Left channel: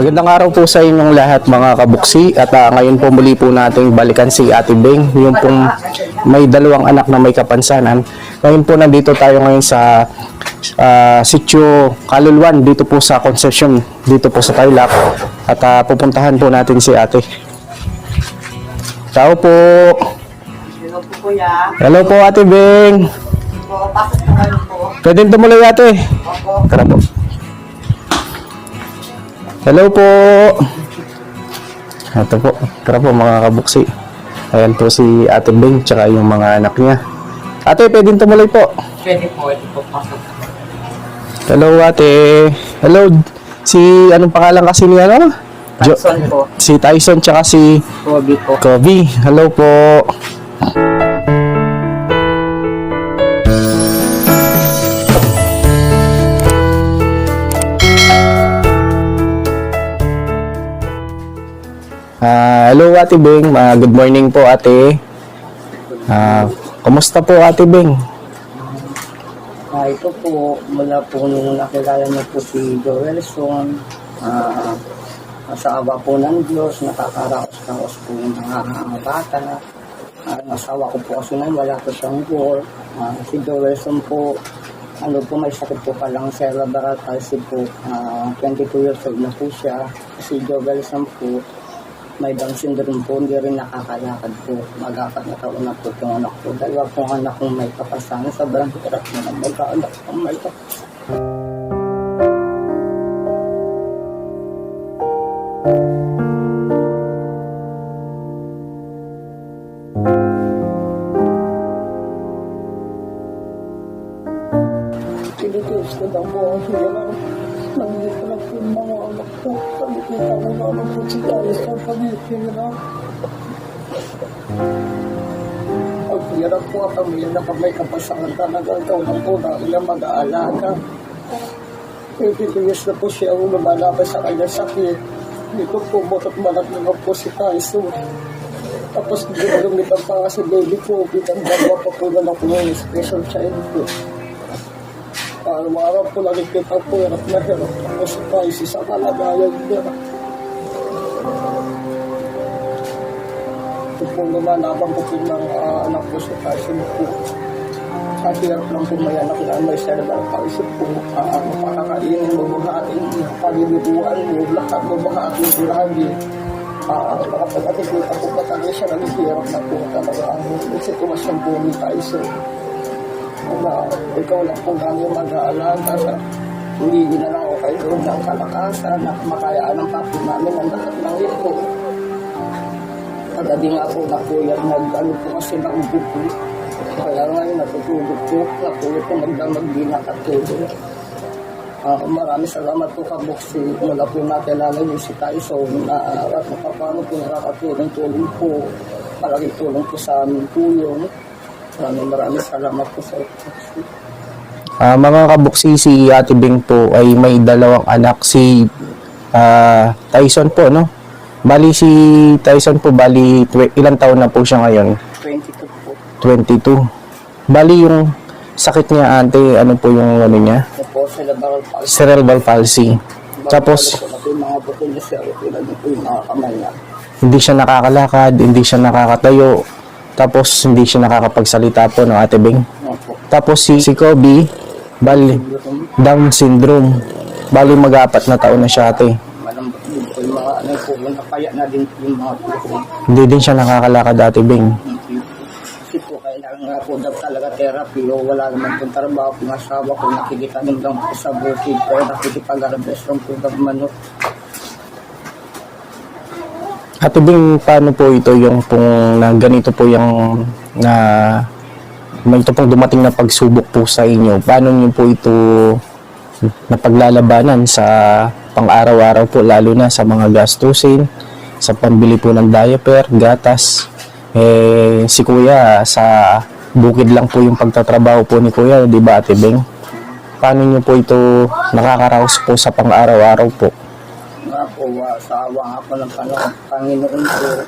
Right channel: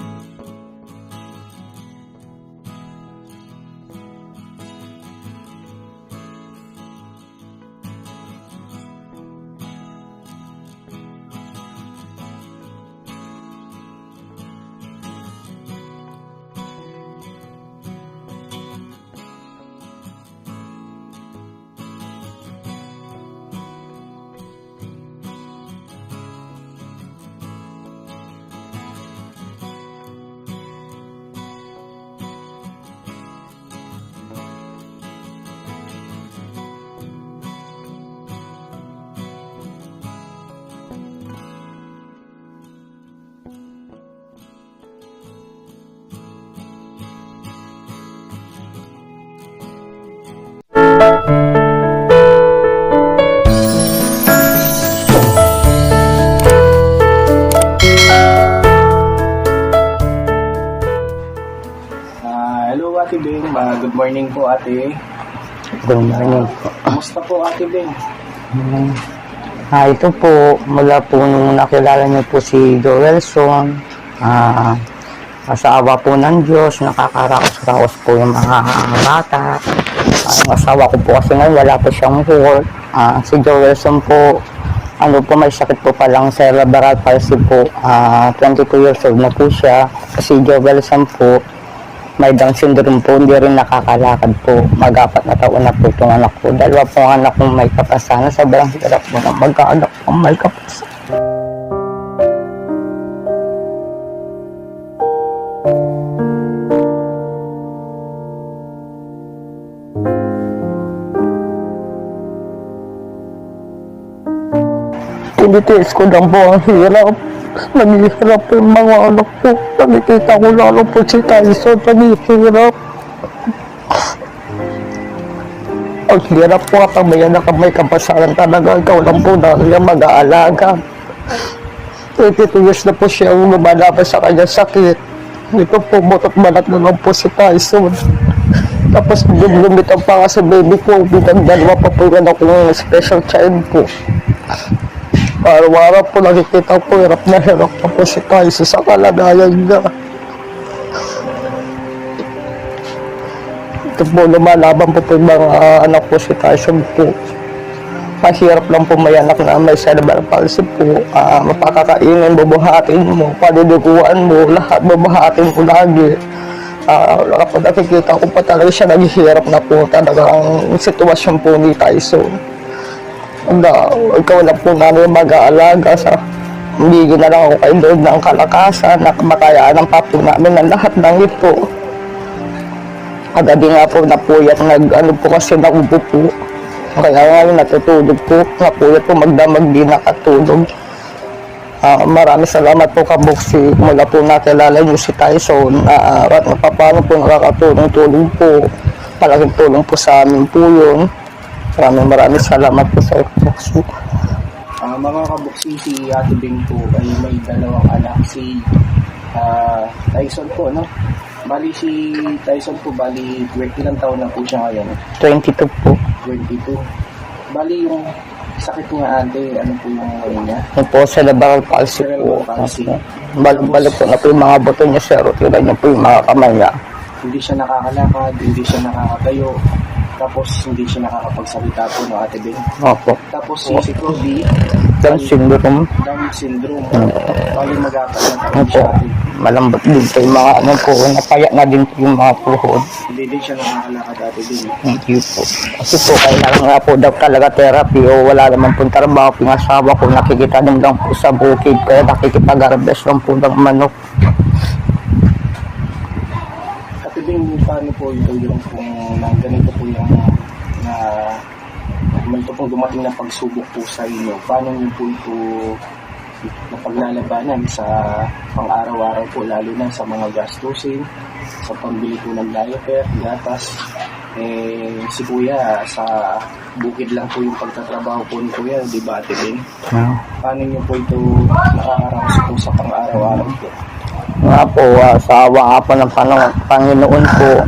Magandang araw po sa inyong lahat mga kabuksi at ngayon po muli po nating balikan si Ate Beng, yung pong may dalawang anak na may kapansanan. Ngayon po nandito tayo ngayon sa Sitio Kaluluan dito po sa Concepcion, dito po sa Tarlac at pupuntahan po natin si Ate. Tao po. Hello po kuya. Hello po Ate Beng. Pasok po kayo po. Pwede tumuloy Ate. Opo. Tara po. Hello po. Ito po. Tara po mga kabuksi. Ayan po si Ate Beng tsaka yung mga anak niya. Ate, pwede tumuloy po. Pwede po. Ito po pasok. Hello Ate. Hello. Si anong pangalan kasi ni ano? Tyson po. Si Tyson tsaka si Kobe po. Kobe. Hello po. Hello Ate Beng. Good morning po Ate. Kamusta po Ate Beng? Ito po, mula po nung nakilala niyo po si Joelson, asawa po ng Diyos, nakakaraos-raos po yung mga bata. Ang asawa ko po kasi ngayon, wala po siyang work. Si Joelson po, may sakit po palang cerebral palsy po. 22 years old na po siya. Si Joelson po, may Down syndrome po, hindi rin nakakalakad po. Mag-4 na taon na po itong anak ko. Dalawa po ang anak kong may kapasanan. Sobrang hirap mo na mag-anak kong may kapasanan. Tinitiis ko lang po ang hirap. Naghihirap po yung mga anak ko. Nakikita ko lalo po si Tyson, naghihirap. Ang hirap po at may anak ang may kapasanan talaga. Ikaw lang po na siya mag-aalaga. 22 years na po siya ang lumalaban sa kanyang sakit. Dito po, butot balat na lang po si Tyson. Tapos lumitan pa nga si baby ko. Dalawa pa po yung anak ko ng special child po. Araw-araw po nakikita po, hirap na po si Tyson sa kalagayan niya. Ito po, lumalaban po yung mga anak po si Tyson po. Mahirap lang po may anak na may cerebral palsy po. Mapakakainin, bubuhatin mo, paliliguan mo, lahat bubuhatin ko lagi. Kapag nakikita ko pa talaga siya, naghihirap na po talaga ang sitwasyon po ni Tyson. Ikaw lang po namin mag-aalaga sa hindi na lang ako kayo doon ng kalakasan na kamakayaan pa po namin ng lahat ng ito. Kagabi nga po napuyat po kasi nakubo po. Kaya ngayon natutulog po, napuyat po magdamag di nakatulog. Maraming salamat po kabuksi mula po nakilala niyo si Tyson at paano po nakakatulong-tulong po. Malaking tulong po sa amin po yun. Maraming salamat po sa kabuksi. Mga kabuksi, si Ate Beng po ay may dalawang anak, si Tyson po, no? Bali si Tyson po, ilang taon na po siya ngayon? 22 po. 22. Bali yung sakit niya ate, ano po yung ano niya? Yung po cerebral palsy. Cerebral palsy. Balik po na po yung mga buto niya, sir. Tira niya po yung mga kamay niya. Hindi siya nakakalakad, hindi siya nakakatayo. Tapos hindi siya nakakapagsalita po no Ate Beng. Opo. Tapos si Kobe, Down syndrome. Bali mag-4 na taon na siya ate. Malambot din po yung mga po, napaya na din po yung mga tuhod. Hindi din siya nakakalakad Ate Beng. Thank you po. Kasi po, kailangan nga po daw talaga therapy o wala naman po trabaho. Yung asawa ko nakikita din lang po sa bukid ko, nakikipag-harvest lang po ng manok. Ate Beng, paano po ito yung ganito po yung ito pong dumating na pagsubok po sa inyo? Paano niyo po ito napaglalabanan sa pang-araw-araw po, lalo na sa mga gastusin, sa pambili po ng diaper, gatas? Si Kuya, sa bukid lang po yung pagtatrabaho po ni Kuya, di ba Ate Beng? Paano niyo po ito nakakaraos po sa pang-araw-araw po? Nga po, sa awa nga po ng Panginoon po,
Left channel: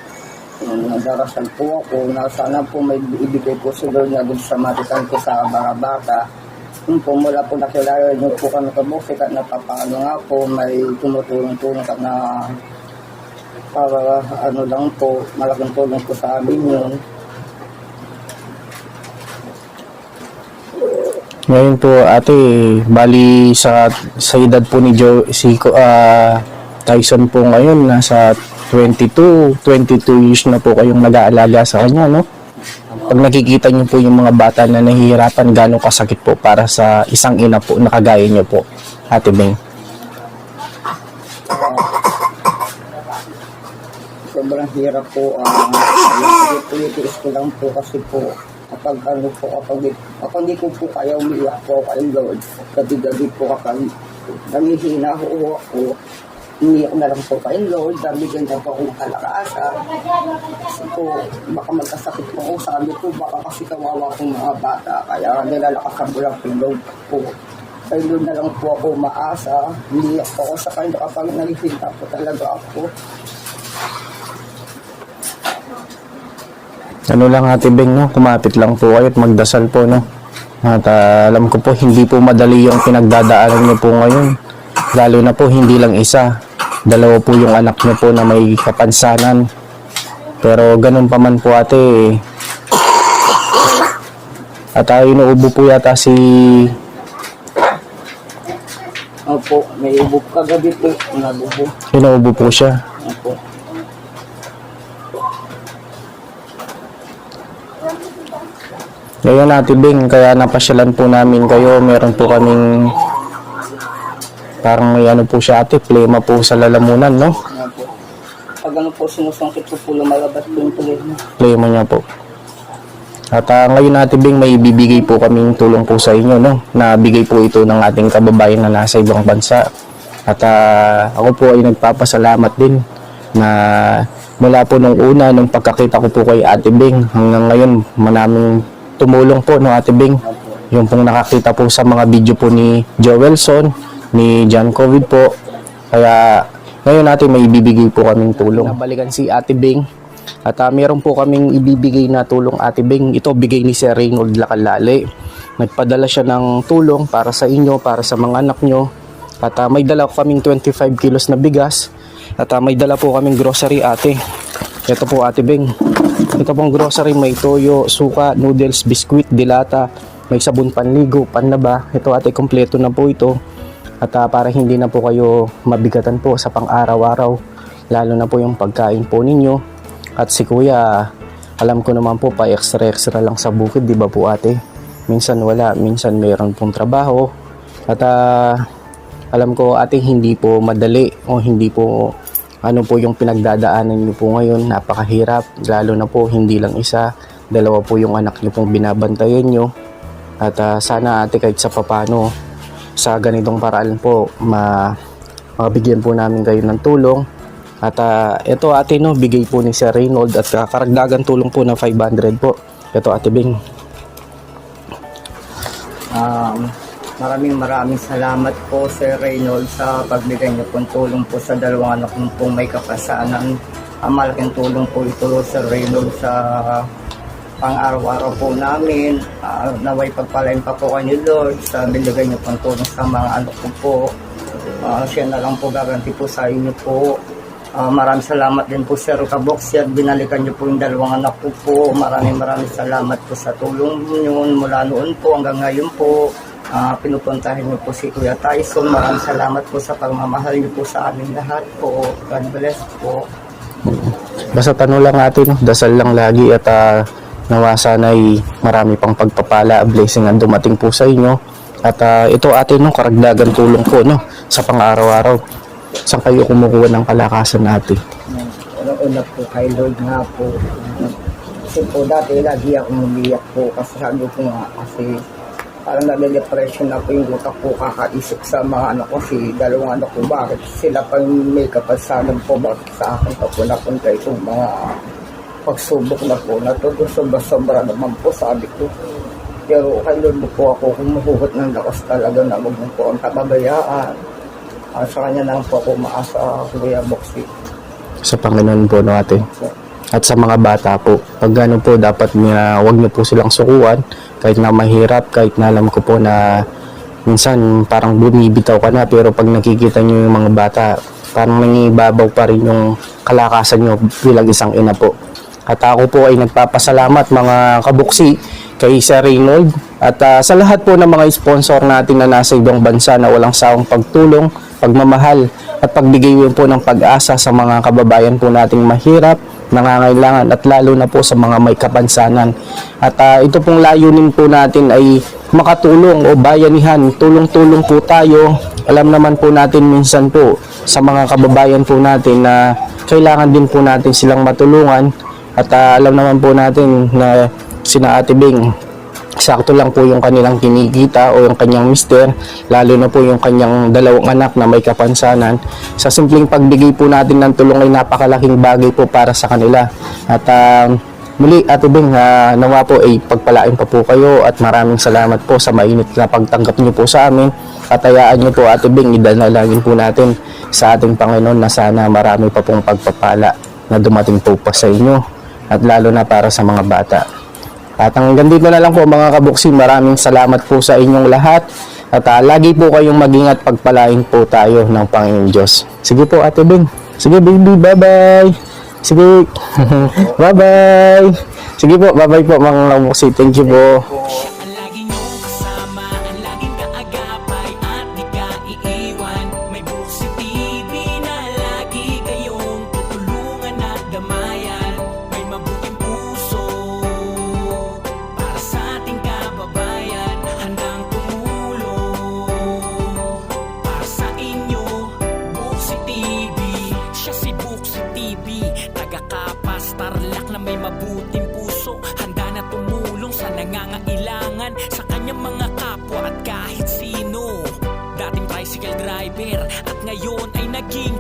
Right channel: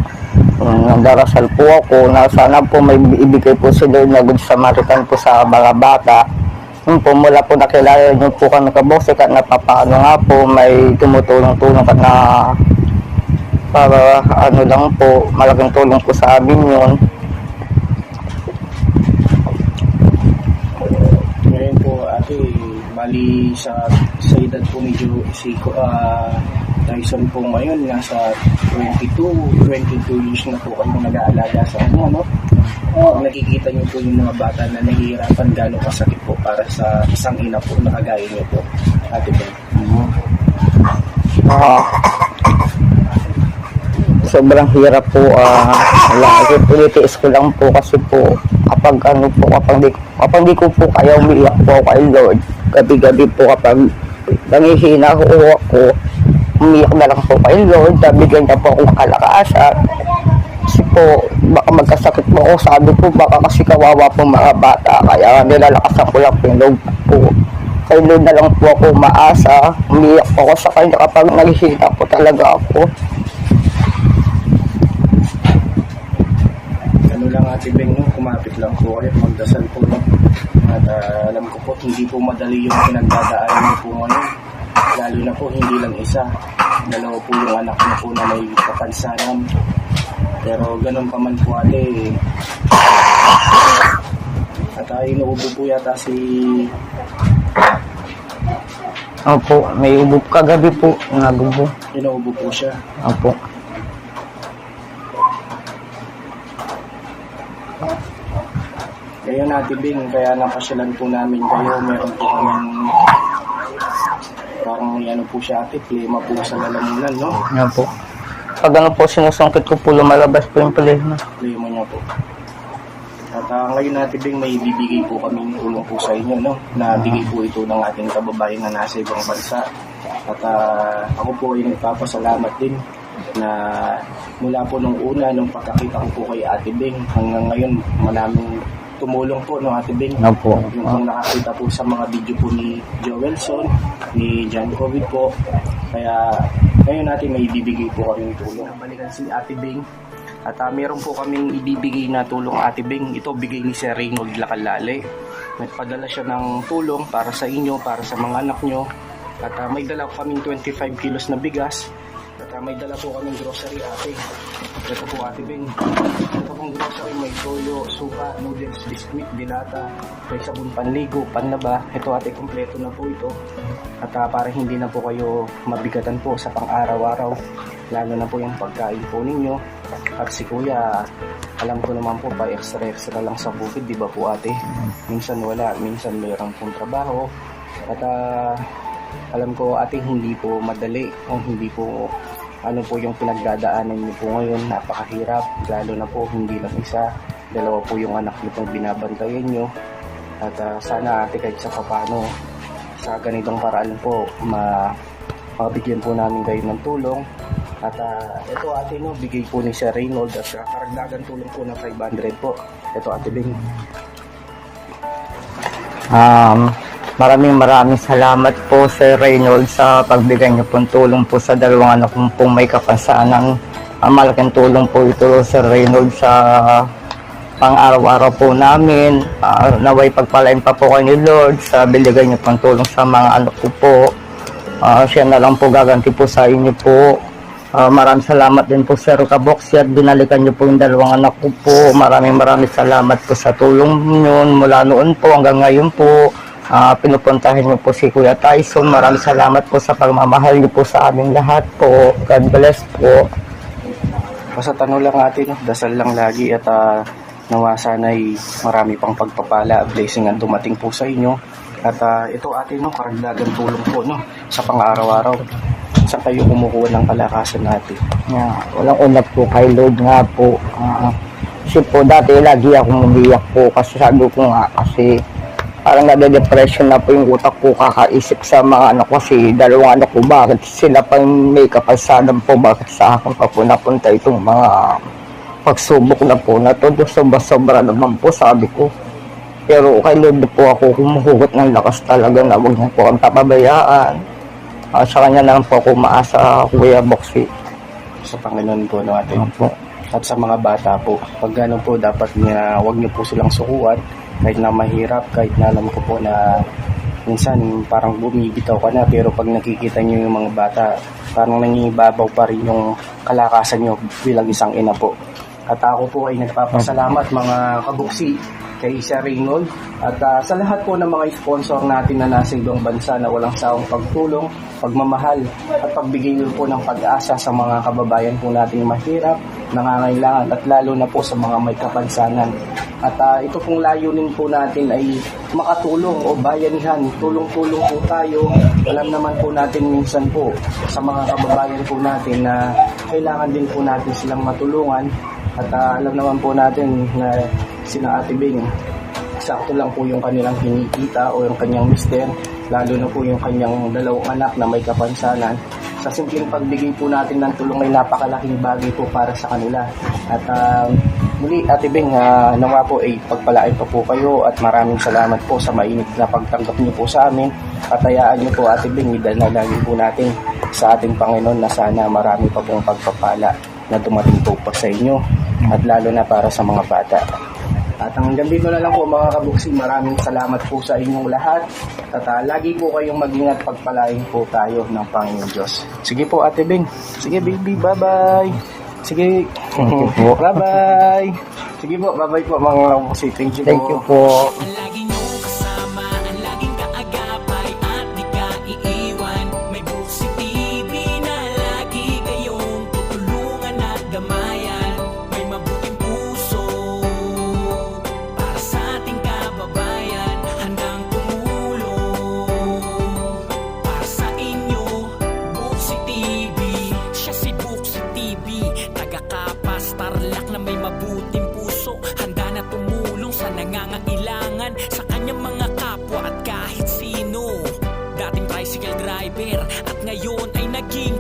darasal po ako na sana po may ibigay po si Lord na good Samaritan po sa mga bata Yun po, mula po nakilala niyo po kami kaboksik at napapano nga po, may tumutulong-tulong at na para ano lang po, malaking tulong po sa amin yun. Ngayon po ate, bali sa edad po ni Tyson po ngayon, nasa 22 years na po kayong nag-aalaga sa kanya, no? Pag nakikita niyo po yung mga bata na nahihirapan, gano'ng kasakit po para sa isang ina po na kagaya niyo po, Ate Beng? Sobrang hirap po, lagi po nitiis ko lang po kasi po kapag ano po, kapag di ko po kaya umiiyak po kay Lord, gabi-gabi po kapag nangihina ko ako, umiiyak na lang po kay Lord, bigyan niya po akong kalakasan. Kasi po, baka magkasakit po ako, sabi ko baka kasi kawawa po mga bata, kaya nilalakasan ko lang po yung loob po. Kay Lord na lang po ako umaasa, umiiyak po ako sa kanya kapag naghihina po talaga ako. Ano lang Ate Beng, no? Kumapit lang po kayo at magdasal po, no? At alam ko po, hindi po madali yung pinagdadaanan niyo po ngayon. Lalo na po, hindi lang isa. Dalawa po yung anak niyo po na may kapansanan. Pero ganun pa man po ate. At inuubo po yata si... Opo, may ubo kagabi po, nagubo. Inuubo po siya. Opo. Ngayon Ate Beng, kaya napasyalan po namin kayo. Meron po kaming parang may ano po siya ate, plema po sa lalamunan, no? Yan po. Pag ano po, sinusungkit ko po, lumalabas po yung plema. Plema niya po. At ngayon Ate Beng, may bibigay po kaming tulong po sa inyo, no? Nabigay po ito ng ating kababayan na nasa ibang bansa. At ako po ay nagpapasalamat din na mula po nung una, nung pagkakita ko po kay Ate Beng, hanggang ngayon, manaming tumulong po, no Ate Beng? Opo. Yung pong nakakita po sa mga video po ni Joelson, ni John Covid po. Kaya ngayon natin may ibibigay po kaming tulong. Nabalikan si Ate Beng. At meron po kaming ibibigay na tulong Ate Beng. Ito bigay ni Sir Reynold Lacalale. Nagpadala siya ng tulong para sa inyo, para sa mga anak nyo. At may dala kaming 25 kilos na bigas. At may dala po kaming grocery ate. Ito po Ate Beng. Ito pong grocery, may toyo, suka, noodles, biskwit, dilata, may sabon panligo, panlaba. Ito ate, kompleto na po ito. At para hindi na po kayo mabigatan po sa pang-araw-araw, lalo na po yung pagkain po ninyo. At si Kuya, alam ko naman po pa extra lang sa bukid, di ba po ate? Minsan wala, minsan mayroon pong trabaho. At alam ko ate, hindi po madali o hindi po ano po yung pinagdadaanan niyo po ngayon, napakahirap. Lalo na po, hindi lang isa, dalawa po yung anak niyo pong binabantayan niyo. At sana ate, kahit sa papano, sa ganitong paraan po, mabigyan po namin kayo ng tulong. At ito ate, no, bigay po ni Sir Reynold at karagdagan tulong po na 500 po. Ito Ate Beng. Maraming salamat po Sir Reynold sa pagbigay niyo pong tulong po sa dalawang anak kong pong may kapansanan. Malaking tulong po ito Sir Reynold sa pang-araw-araw po namin. Naway pagpalain pa po kayo ni Lord sa binigay niyo pong tulong sa mga anak ko po. Siya na lang po gaganti po sa inyo po. Maraming salamat din po Sir Kaboksy at binalikan niyo po yung dalawang anak ko po. Maraming salamat po sa tulong niyo mula noon po hanggang ngayon po. Pinupuntahin niyo po si Kuya Tyson. Maraming salamat po sa pagmamahal niyo po sa aming lahat po. God bless po. Basta tanong lang ate, no? Dasal lang lagi at nawa sana'y marami pang pagpapala, blessing ang dumating po sa inyo. At ito ate, no, karagdagan tulong po, no, sa pang-araw-araw. Saan kayo kumukuha ng kalakasan natin? Unang-una po kay Lord nga po. Kasi po dati lagi akong umiyak po kasi sabi ko nga kasi parang nade-depression na po yung utak ko kakaisip sa mga anak ko kasi dalawang anak ko bakit sila pa yung may kapasanan po, bakit sa akin pa po napunta itong mga pagsubok na po na to. Sobra naman po sabi ko. Pero kay Lord po ako kumuhugot ng lakas talaga na huwag niyo po ang tapabayaan. Sa kanya lang po ako maasa Kuya Boxy. Sa Panginoon po, no ate? Opo. At sa mga bata po, pag gano'n po dapat huwag niyo po silang sukuan, kahit na mahirap, kahit na alam ko po na minsan parang bumibitaw ka na, pero pag nakikita nyo yung mga bata, parang nangibabaw pa rin yung kalakasan nyo bilang isang ina po. At ako po ay nagpapasalamat mga kabuksi kay Sir Reynold at sa lahat po ng mga sponsor natin na nasa ibang bansa na walang sawang pagtulong, pagmamahal at pagbigay po ng pag-asa sa mga kababayan po nating mahirap, nangangailangan at lalo na po sa mga may kapansanan. At ito pong layunin po natin ay makatulong o bayanihan, tulong-tulong po tayo. Alam naman po natin minsan po sa mga kababayan po natin na kailangan din po natin silang matulungan. At alam naman po natin na sina Ate Bing, sakto lang po yung kanilang kinikita o yung kanyang mister, lalo na po yung kanyang dalawang anak na may kapansanan. Sa simpleng pagbigay po natin ng tulong ay napakalaking bagay po para sa kanila. At muli Ate Bing, nawa po ay pagpalain pa po kayo at maraming salamat po sa mainit na pagtanggap niyo po sa amin. At hayaan niyo po Ate Bing, idalhalagin po natin sa ating Panginoon na sana marami pa pong pagpapala na dumating po pa sa inyo at lalo na para sa mga bata. At hanggang dito na lang po mga kabuksi, maraming salamat po sa inyong lahat at lagi po kayong mag-ingat, pagpalain po tayo ng Panginoon Diyos. Sige po Ate Bing, sige baby, bye bye. Sige, bye bye. Sige po, bye bye po mga kabuksi, thank you po. Ang lagi niyong kasama, ang laging kaagapay at di ka iiwan. May Buksi TV na lagi kayong tutulungan at damayan. May mabuting puso para sa ating kababayan, handang tumulong para sa inyo. Buksi TV, siya si Buksi TV, taga-Kapas, Tarlac na may mabuting puso, handa na tumulong sa nangangailangan sa kanyang mga kapwa at kahit sino. Dating tricycle driver at ngayon ay naging